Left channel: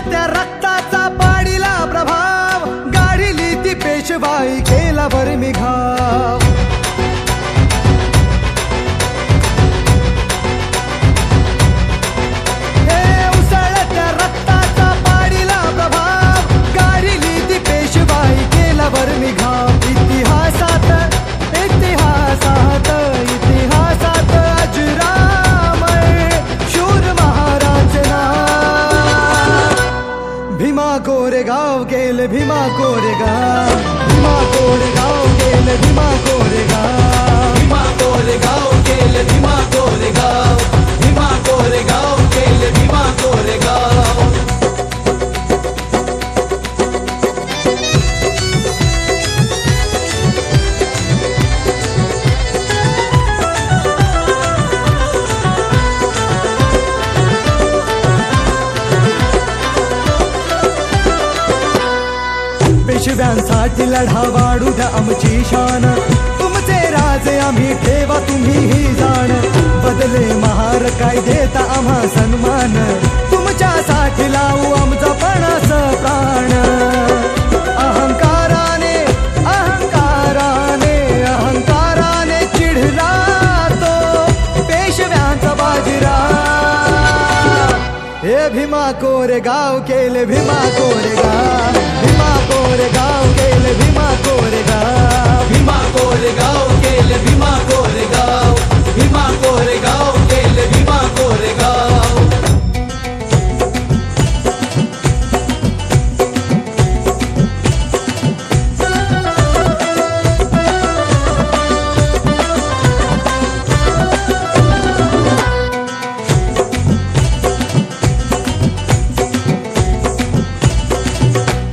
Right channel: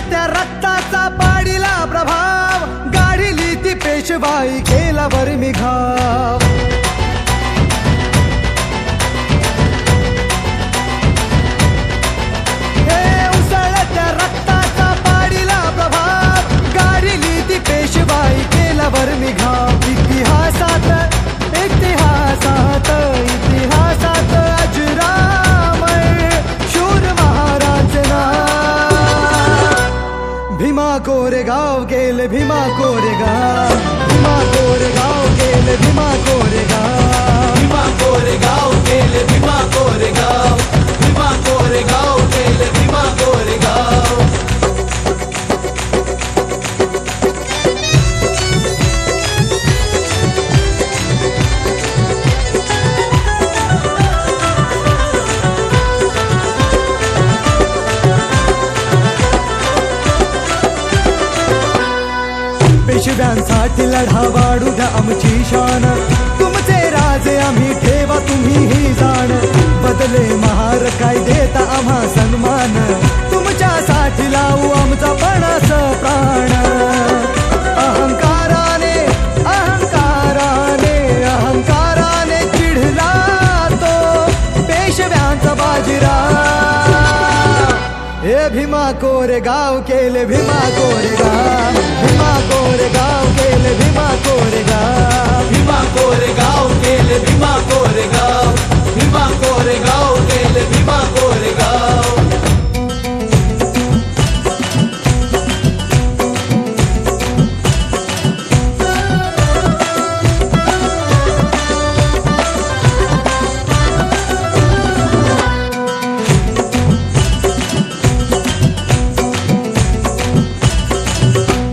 उसळत्या रक्ताचा पाडीला प्रभाव, गाढिली ती पेशवाई केला वर्मी घाव. हे उसळत्या रक्ताचा पाडीला प्रभाव, गाढिली ती पेशवाई केला वर्मी घाव. इतिहासात इतिहासात इतिहासात अजरामर शूर महाराज नाव. भीमा कोरेगाव गेले भीमा कोरेगाव, भीमा कोरेगाव गेले भीमा कोरेगाव, भीमा कोरेगाव गेले भीमा कोरेगाव, भीमा कोरेगाव गेले भीमा कोरेगाव. पेशव्यांसाठी लढा वाढू द्या आमची शान, तुमचे राजे आम्ही ठेवा तुम्ही ही जाण. बदले महार काय देता आम्हा सन्मान, तुमच्यासाठी लावू आमचा पणास प्राण. अहंकाराने अहंकाराने अहंकाराने चिढला तो पेशव्यांचा बाजीराव. हे भीमा कोरेगाव केले भीमा कोरेगाव, भीमा कोरेगाव केले भीमा कोरेगाव, भीमा कोरेगाव गेले भीमा कोरेगाव, भीमा कोरेगाव गेले भीमा कोरेगाव.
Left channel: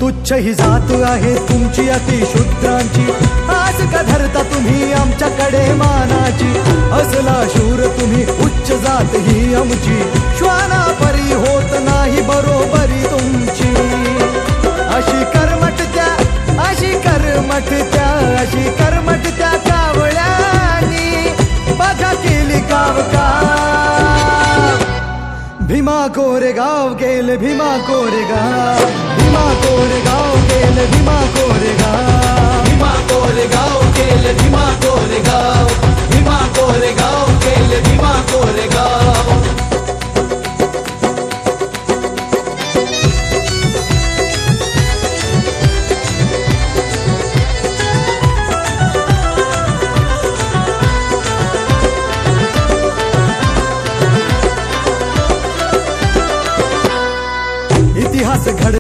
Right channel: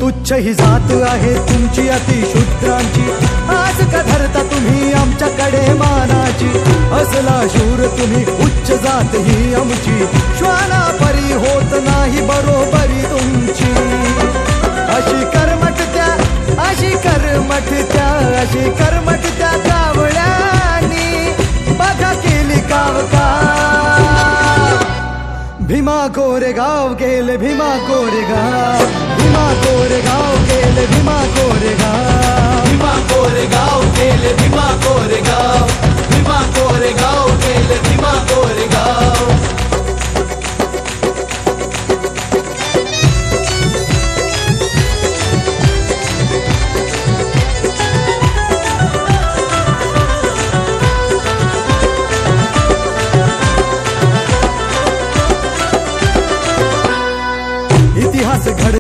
तुच्छ ही जात आहे तुमची अतिशूद्रांची, आज का धरता तुम्ही आमच्याकडे मानाची. असला शूर तुम्ही उच्च जात ही आमची, श्वाना परी होत नाही बरोबरी तुमची. अशी कर्मठत्या अशी कर्मठत्या अशी कर्मठत्या कावळ्यांनी बघा केली गाव काव. भीमा कोरेगाव गेले भीमा कोरेगाव, भीमा कोरेगाव गेले भीमा कोरेगाव, भीमा कोरेगाव गेले भीमा कोरेगाव, भीमा कोरेगाव गेले भीमा कोरेगाव. इतिहास घड